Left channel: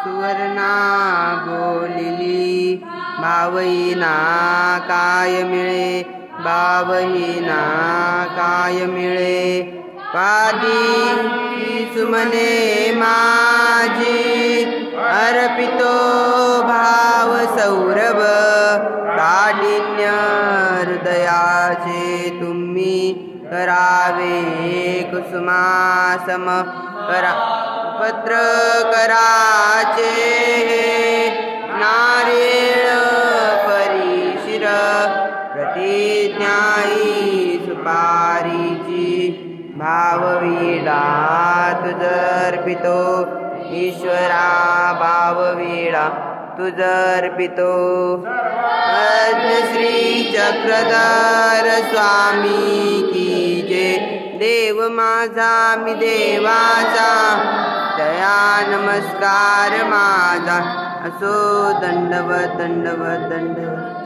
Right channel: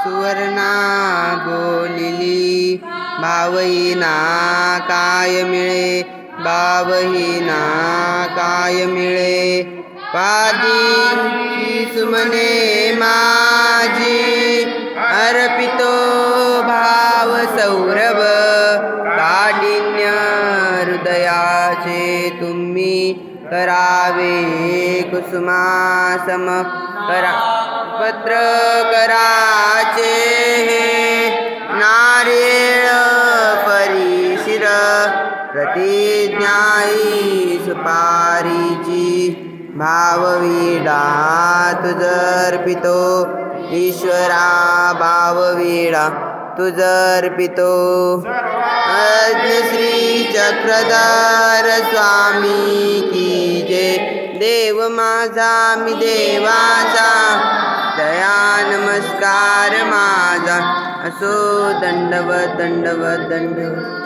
सुवर्णा बोलिली भावहीना काय मिळे, भावहीना काय मिळे. पादीची सुमने माझी अर्पितो भाव सौरभ, काठिन्य हृदयाचे तुम्ही करावे कुसुमासम. करा पत्र कराचे नारळ परिशिर, प्रतिज्ञाई सुपारीची भाववीडा तुझर्पितो. ईश्वरा भाववीडा तुझर्पितो. श्री चक्रधर स्वामी की जय. देव माझा मी देवाचा, दया नमस्कार माझा. असो दंडवत दंडवत दंडवत.